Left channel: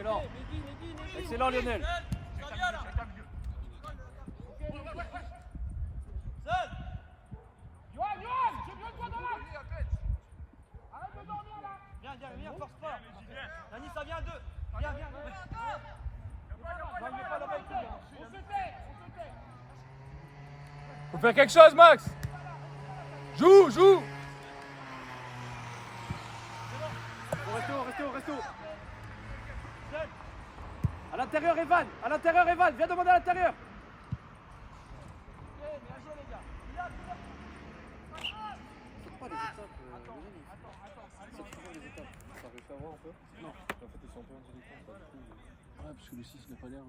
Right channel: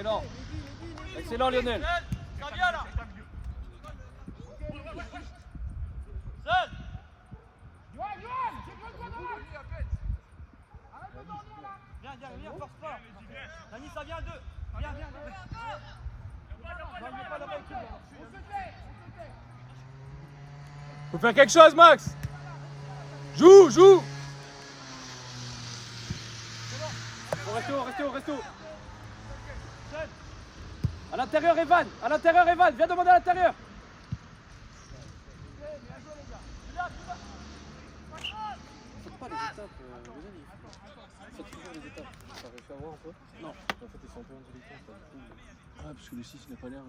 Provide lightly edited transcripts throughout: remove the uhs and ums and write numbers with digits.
Excellent. Excellent Lionel. Seul. Viens, force pas. Nani, ça vient à deux. Viens. Non, il n'est pas là-bas, il couvre là-bas. Faut faire quelque chose, Max. Joue. Restez haut. À l'intérieur, Evan. Viens demander à l'intérieur. C'est pas les étapes, Lionel. C'est pas les étapes. T'as réussi à voir un peu? Non. En fait, ils sont un peu indélicats. Ah, parce que le 6 n'a pas l'air.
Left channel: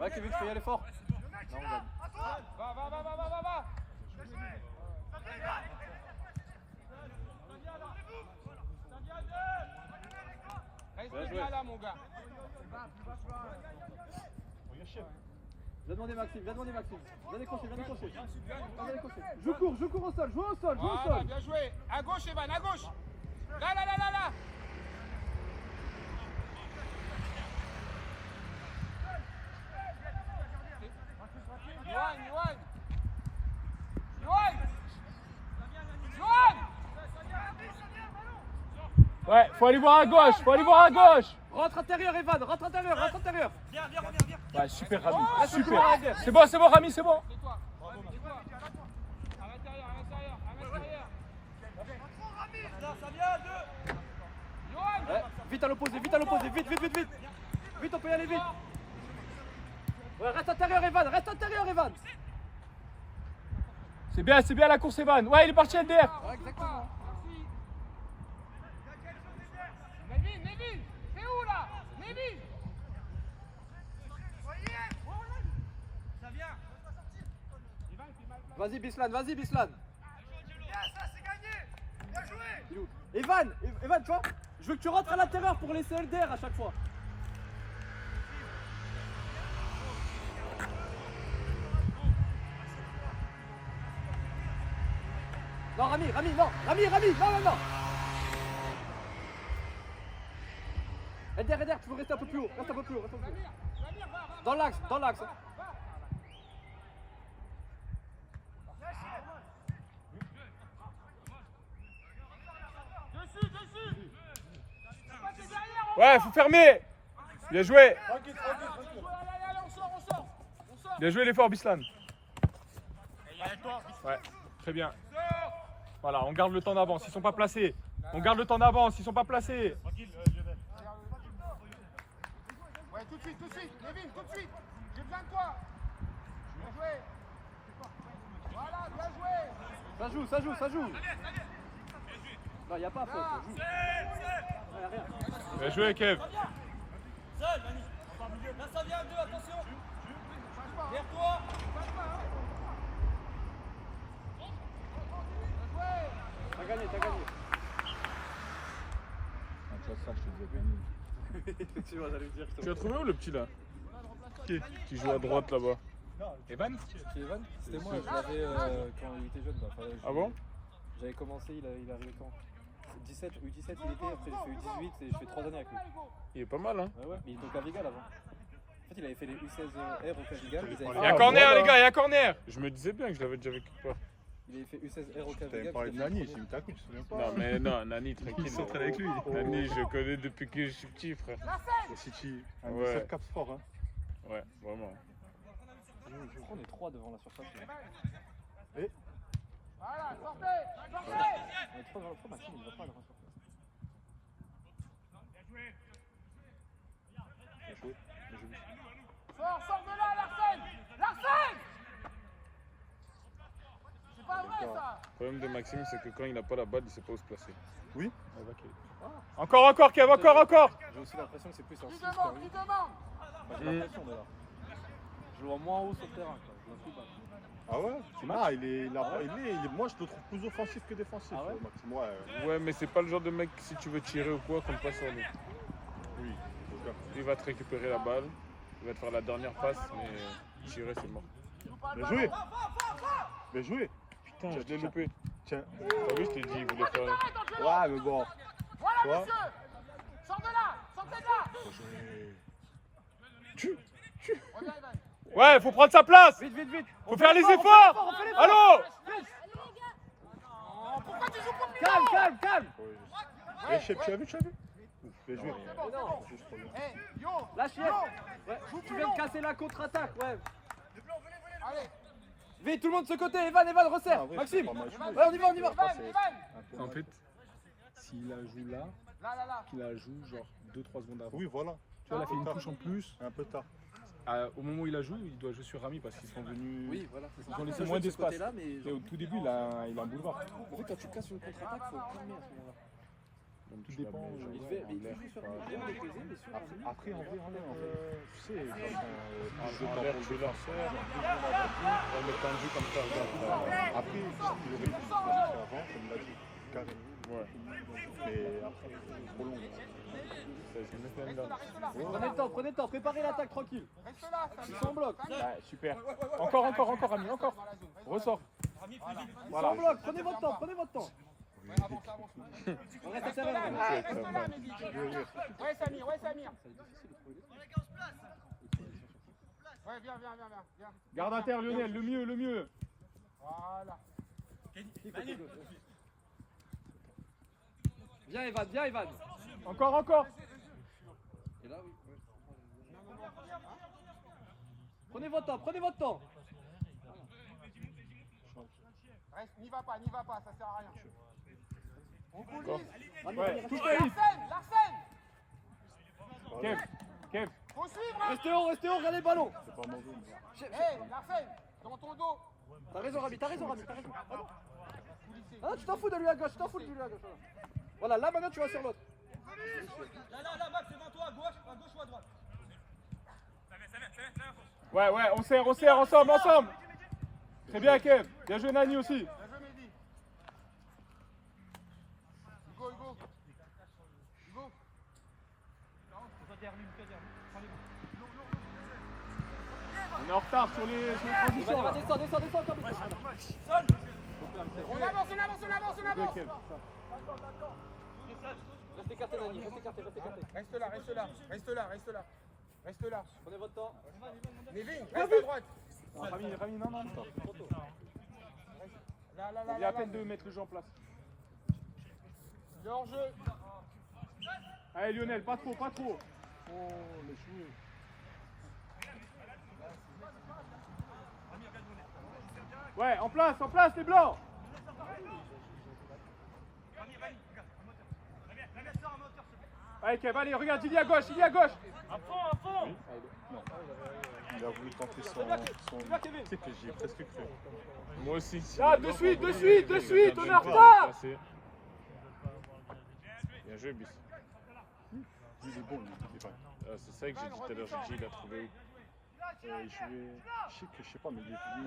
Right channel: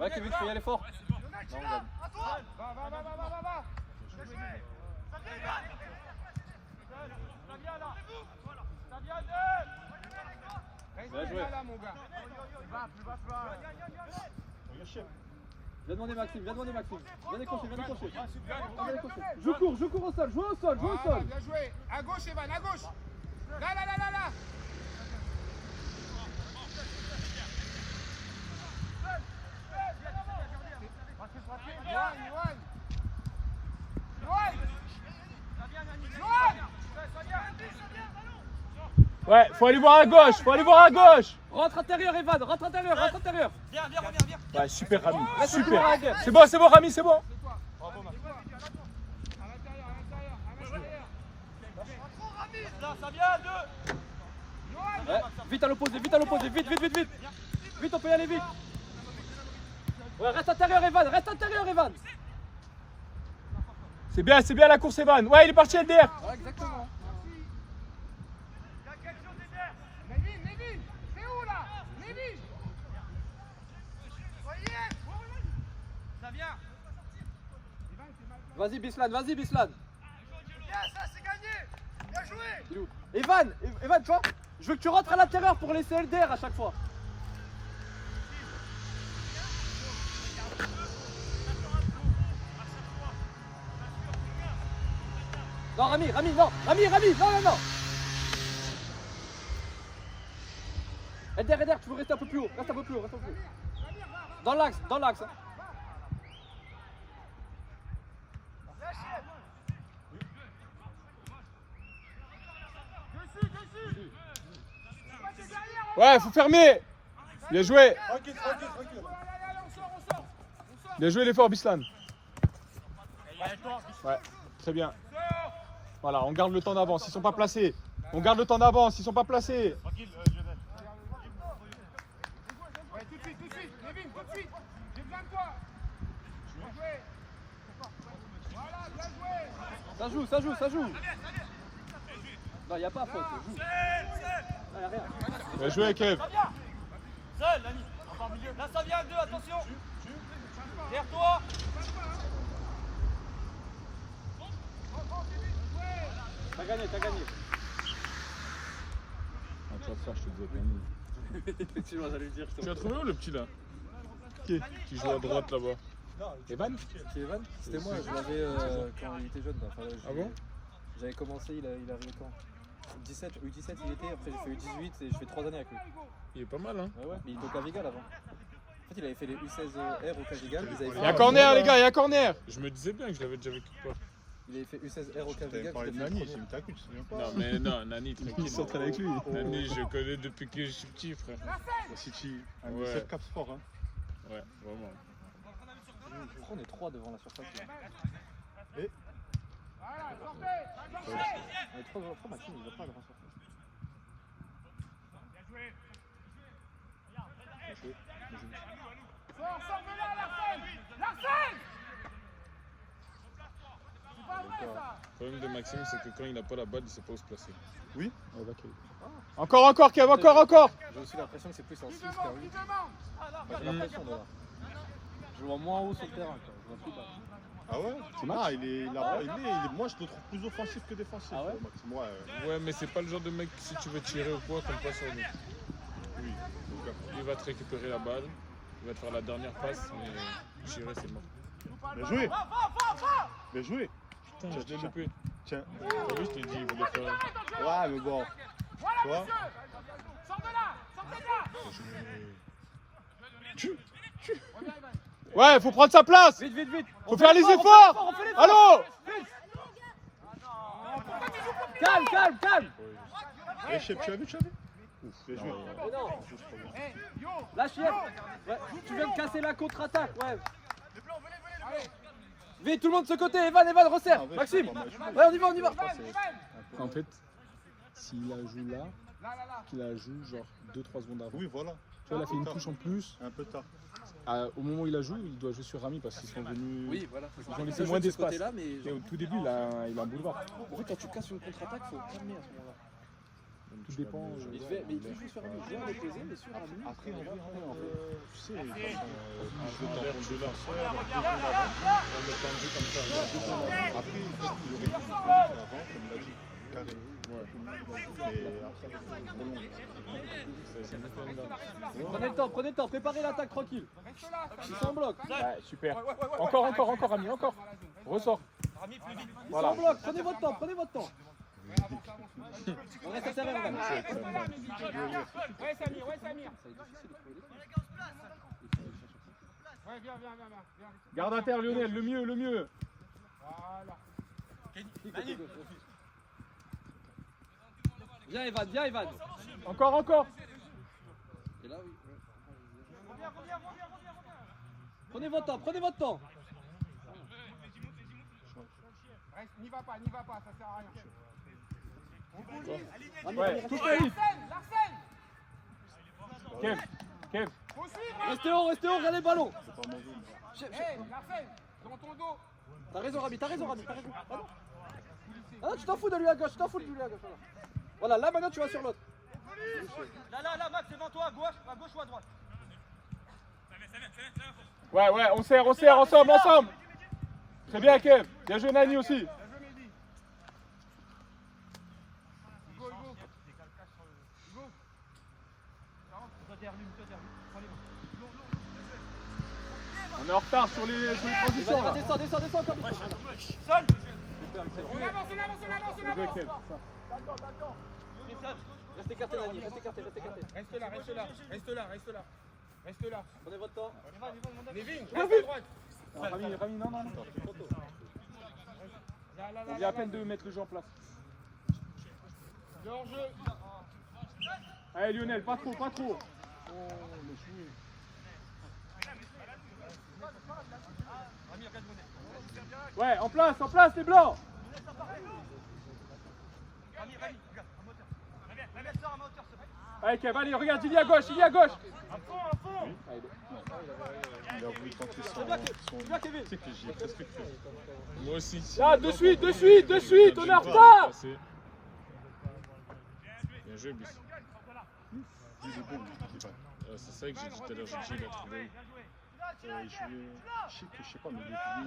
Ouais, Kevin, tu peux y aller fort. Non, on gagne. Va. Reste bien là, mon gars. Viens demander Maxime. Viens décrocher. Je cours au sol, joue au sol. Bien joué. À gauche, Evan, à gauche. Là. Yoann. Ouais, faut aller voir à gauche. Rentre intérieur, Evan. Viens. Ouais, super Rami, Reste super. toujours à la guerre. C'est bon Rami, c'est bon. Là, ça vient à deux. Ouais, vite à l'opposé, vite. Vite, on peut y aller vite. Ouais, reste intérieur, Evan. C'est bien la course, Evan. Ouais, il est parti LDR. Ouais, exactement. Nevin, c'est où là? Nevin. Ça vient. Vas-y, Bislan. Evan, tu vois, je veux que tu rentres à l'intérieur pour laisser LDR à chaque fois. Non, Rami, non. LDR, tu veux rester un peu plus haut. Dans l'axe. Hein. Ouais, faut fermer. Bien joué. Bien joué l'effort, Bislan. Ouais, très bien. Voilà, on garde le temps d'avance, ils sont pas placés. Tranquille, Lionel. Ouais, tout de suite. Nevin, tout de suite. J'ai besoin de toi. Bien joué. Voilà, bien joué. Ça joue. Non, y a pas faute. Joue. Ouais, y a rien. Bien joué, Kev. Seul, Nani. Enfin, milieu. Là, ça vient à deux, attention. Vers toi. T'as gagné. Tu vas lui dire. Tu as trouvé où le petit là? Qui joue à droite là-bas? Evan? C'est Evan? C'était moi, je l'avais quand il était jeune. Ah bon? J'avais commencé, il arrivait quand? 17, U17 il était, après j'ai fait U18 et je fais 3 années avec lui. Il est pas mal, hein? Ouais, mais il était au Cavigal avant. En fait, il avait fait les U16R au Cavigal. Il y a corner, les gars, il y a corner! Je me disais bien que je l'avais déjà vécu pas. Il avait fait U16R au Cavigal. Parlé de Nani, c'est une tacu, tu te souviens pas? Non, mais non, Nani, tranquille. Il s'entraîne avec lui. Nani, je connais depuis que je suis petit, frère. Au City, un Ouais. 17 cap sport, hein. Ouais, vraiment. On est 3 devant la surface. Et Voilà, sortez. On est trop Maxime, il ne va pas devant la surface. Sors de là, Larsen. C'est pas vrai ça. Le problème de Maxime, c'est que quand il n'a pas la balle, il sait pas où se placer. oui, Encore, Kev, encore! J'ai aussi l'impression que c'est plus en Qui 6 demande? qu'en 8. J'ai l'impression d'ailleurs. Je le vois moins haut sur le terrain. Quoi. Je vois plus bas. ah ouais? Moi je le trouve plus offensif que défensif. Ah ouais? Maxime, ouais. Ouais, mais c'est pas le genre de mec, si tu veux tirer au point, qu'on passe sur lui. Oui. Il va te récupérer la balle, il va te faire la dernière passe, mais tirer, c'est mort. Bien joué! Bien joué! Putain, je l'ai loupé. Tiens. T'as vu, je t'ai dit, il voulait faire. Ouais, mais bon. Voilà, Tu vois monsieur. Sors de là. Sortez de là. Reviens, Ivan. Ouais, faut prendre sa place. Vite, vite, vite. Faut faire les efforts. Allô. Pourquoi tu joues pour Calme, calme, calme. Eh, chef, tu as vu? Ouf, bien joué. C'est bon, c'est bon. Eh, yo. Lâche hier. Ouais, tu viens de casser la contre-attaque, ouais. Allez. Vite, tout le monde de ce côté. Evan, resserre. Ah, ouais, Maxime. c'est pas mal. Ouais, on y va. Ivan. En fait, s'il la joue là, Là. qu'il la joue genre 2-3 secondes avant. Oui, voilà. Tu vois, il a fait une touche en plus. Un peu tard. Au moment où il la joue, il doit jouer sur Rami parce qu'ils sont venus. Oui, voilà. Ils ont laissé moins de ce d'espace. côté-là, mais Et au tout début, il a un boulevard. en fait, quand tu casses une contre-attaque, faut calmer à ce moment-là. Tout dépend. Il fait jouer sur un milieu déposé, mais sur un milieu. Après, en fait, tu sais, Je vais te dire, tu lances. après, il aurait pu faire avant, comme l'a dit, carré. Mais après, Prenez le temps, préparez l'attaque tranquille. Reste là. Ils sont en bloc. Ouais, super. Encore, Rami, encore. Ressort. Ils sont en bloc, prenez votre temps. Avance. On reste à Reste serrer. là, Mehdi. Ouais, Samir. Ouais, viens. Garde à terre, Lionel, le mieux. Voilà. Viens Evan. Encore. Et là, oui. Prenez votre temps. Reste, n'y va pas, ça sert à rien. On bouge. Ouais, touche pas vite. Larsen. Kev. Faut suivre. Restez haut, regardez le ballon. Hey, Larsen, dans ton dos. T'as raison Rami. Ah non, tu t'en fous de lui à gauche, Voilà, là maintenant tu vas sur l'autre. Là, Max, devant toi, à gauche ou à droite? Ouais, on serre ensemble. Très bien, Kev. Bien joué, Nani aussi. Bien joué, Mehdi. Go. Toi derrière lui, prends les mains. On est en retard sur les positions là. Descends encore. Seul. On avance. Restez écartés Nani, restez écartés. Reste là. Prenez votre temps. Nevin, reste à droite. Rami, non. Là. Il y a à peine de mettre le jeu en place. Le hors-jeu. Allez, Lionel, pas trop. Ouais, en place, les blancs. Allez, Kev, allez, regarde, il y a à gauche. À fond. il a voulu tenter son... Tu sais que j'y ai presque cru. Moi aussi. Là, de suite, on est en retard. Bien joué, Bis. Il est bon, il est pas. C'est ça que j'ai dit tout à l'heure, j'ai dit, il a trouvé. Il jouait... Je sais pas, mais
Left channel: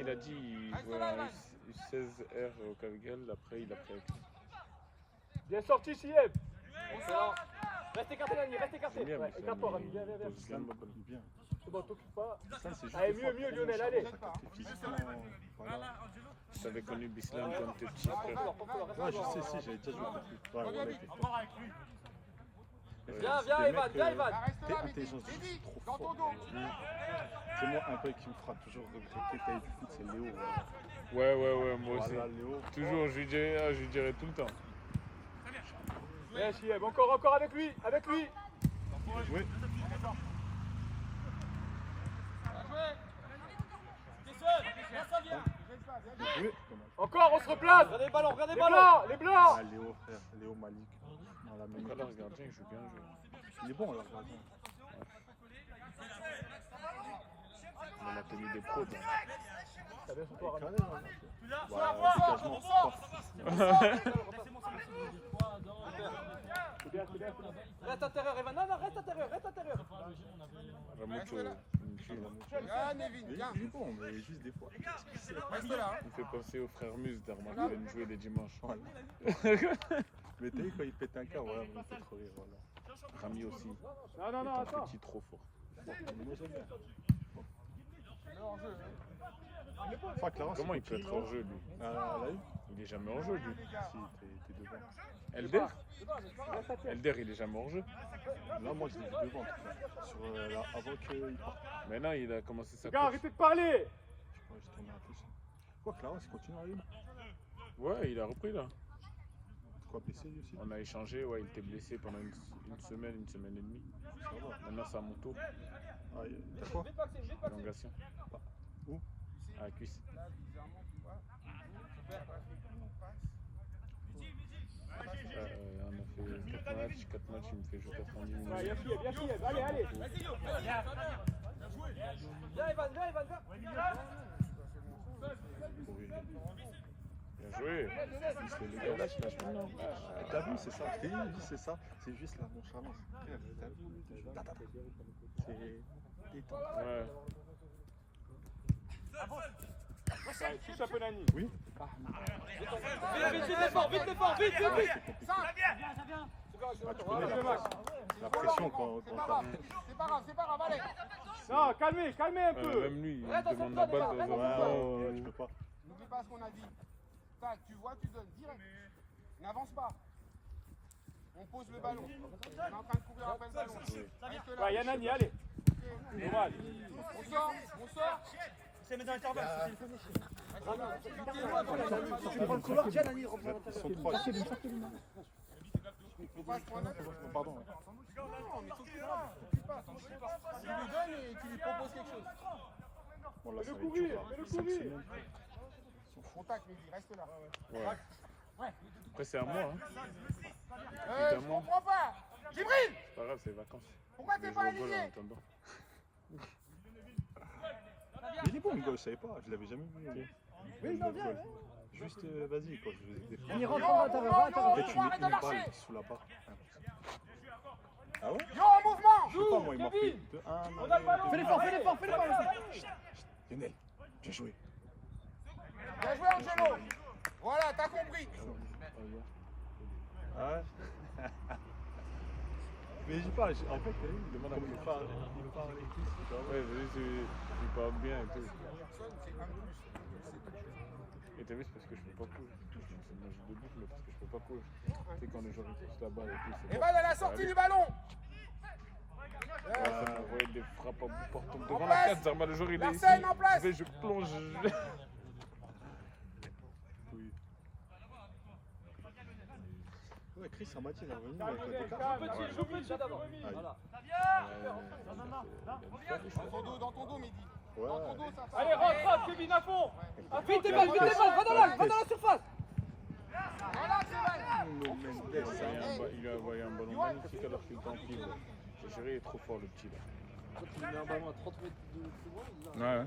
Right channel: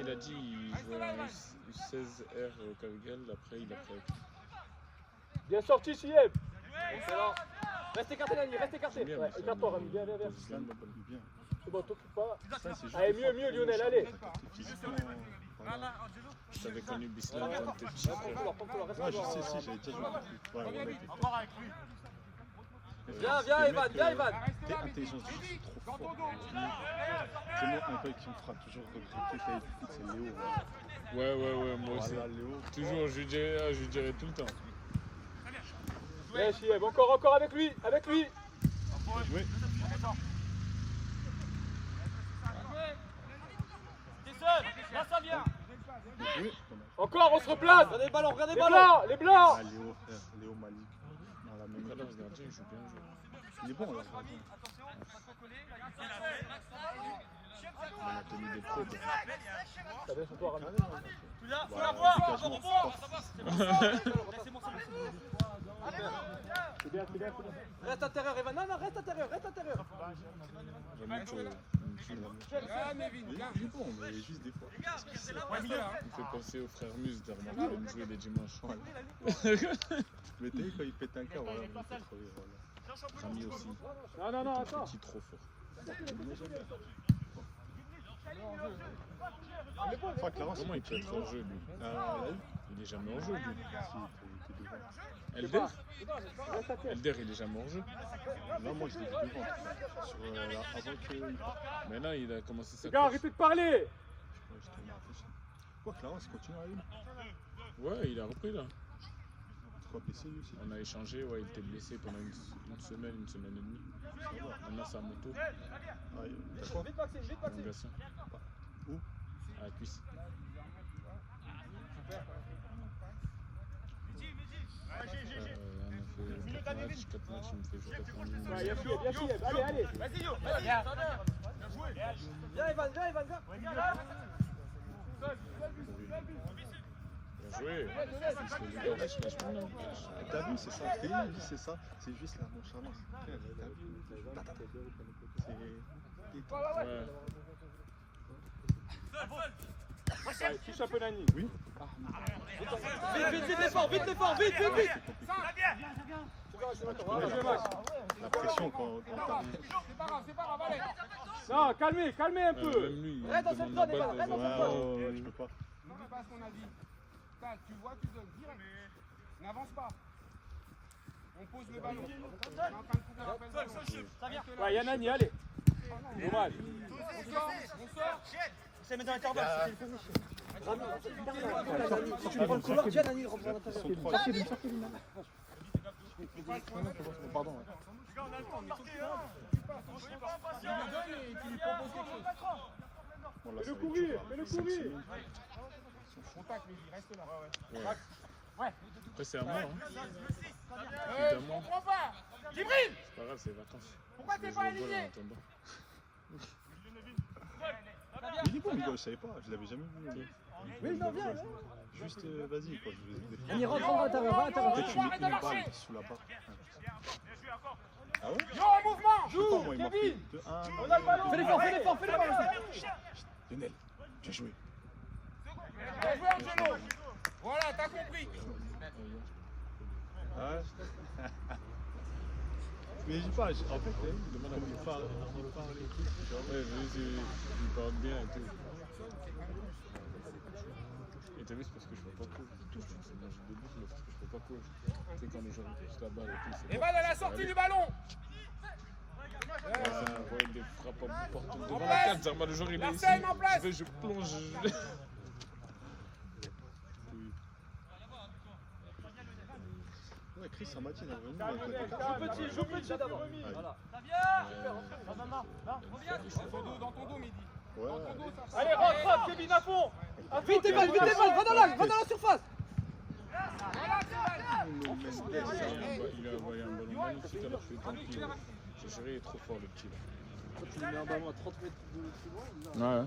Il a dit qu'il jouait en 16R au Cavigal, après il a fait. Bien sorti, Chiev. Reste écarté Nani, Ouais, écarte-toi Rami, viens. bien. C'est bon, t'occupe pas. Ça, c'est juste... Allez, mieux Lionel, allez. J'avais connu Bislam quand t'étais petit frère. Ouais, je sais, si, j'avais déjà joué avec lui. Reviens vite. Encore avec lui. Viens Evan. Reste là, Mehdi. Intelligence Mehdi, trop dans ton fort. dos. C'est moi un mec qui me fera toujours regretter quand il du foot, c'est Léo. Ouais, moi aussi. Voilà, Léo. Toujours, je lui dirais tout le temps. Viens Chiev, encore avec lui. Oui. T'es seul. Là, ça vient. Oui. Encore, on se replace. Regardez les ballons. Les blancs. Ah, Léo, frère. Léo Malik. Dans la même Alors, équipe. ce gardien, il joue bien joué. Il est bon, là. On a connu des pros. T'as bien son corps, Rami. C'est bien. Reste intérieur, Evan. Non, reste intérieur. Vraiment, tu vois. Ah, Nevin, viens. Il est bon, mais juste des fois. Reste là. Il fait penser aux frères Muse, t'as remarqué, ils viennent jouer les dimanches. Mais t'as vu quand il pète un câble, voilà, il me fait trop rire, voilà. Rami aussi. Non, Un attends. petit trop fort. Enfin, clairement, Comment il peut être hors jeu, lui? là, Il Il est jamais hors jeu, lui. Si, t'es devant. Elder Elder, il est jamais hors jeu. Non, moi je l'ai vu devant. Avant qu'il parte. Maintenant, il a commencé sa Gars, course. arrêtez de parler. Ouais, je t'en ai appris ça. Quoi, Clarence continue à aller. Ouais, il a repris là. Quoi, blessé lui aussi. On a échangé, ouais, il était blessé pendant une semaine et demie. Maintenant, c'est à mon tour. Ah, t'as quoi? Prolongation. Où? À la cuisse. On a fait 4 matchs, il me fait juste à fond. Allez, allez. Vas-y, Yo. Bien joué. Viens, Evan, viens. Joué. Parce que le gars lâche maintenant. T'as vu, c'est ça. Je t'ai dit, c'est ça. C'est juste la nonchalance. T'as vu? C'est... Ouais. Touche un peu Nani. Oui. Vite l'effort. Tu connais la pression quand C'est pas grave, allez. Non, calmez un peu. Même lui, il demande la balle des Ouais, je peux pas. N'oublie pas ce qu'on a dit. Tac, tu vois, tu donnes direct. N'avance pas. On pose le ballon. On est en train de couvrir après le ballon. Reste là. Ouais, Yanani, allez. On sort. C'est mettre dans l'intervalle. Tu lui donnes et tu lui proposes quelque chose. Bon, là, ça va être dur. 5 semaines. Contact, Mehdi, reste là. Ouais. Après, c'est à moi. Hein. Je comprends pas. Djibril, C'est pas grave, c'est les vacances. pourquoi Je t'es vais pas jouer au vol en aligné? attendant. Mais il est bon, Miguel, je savais pas. Je l'avais jamais vu. Oui, non, viens. Juste, vas-y, quoi. On rentre, Yo, arrête de Peut-être tu arrête de mets marcher. balles sous la barre. Ah ouais? Yo, en mouvement. Je sais pas, moi, il m'a fait de 1. Fais l'effort. Lionel, j'ai joué. Bien joué, Angelo. Voilà, t'as compris. Ah ouais? Mais j'y parle, en fait, il demande à il parle. Ouais, il parle bien et tout. Et t'as vu, c'est parce que je peux pas courir. C'est bon, j'ai 2 buts, mais parce que je peux pas courir. Tu sais, quand les gens poussent la balle et tout, c'est Evan à la sortie du ballon. ouais, des frappes partout devant la place. carte, Zarma, le joueur il est ici. Larsen, en place. Je plonge. Oui. Ouais, Chris, ça m'a dit, il est revenu avec le Dans ton dos, Mehdi. Dans ton dos, ça passe. Allez, rattrape, Kevin, à fond. Vite, Evan, va dans la surface. Voilà, Evan. Il a envoyé un ballon magnifique alors qu'il est tranquille. J'ai géré, il est trop fort le petit là. Tu mets un ballon à 30 mètres de... Ouais.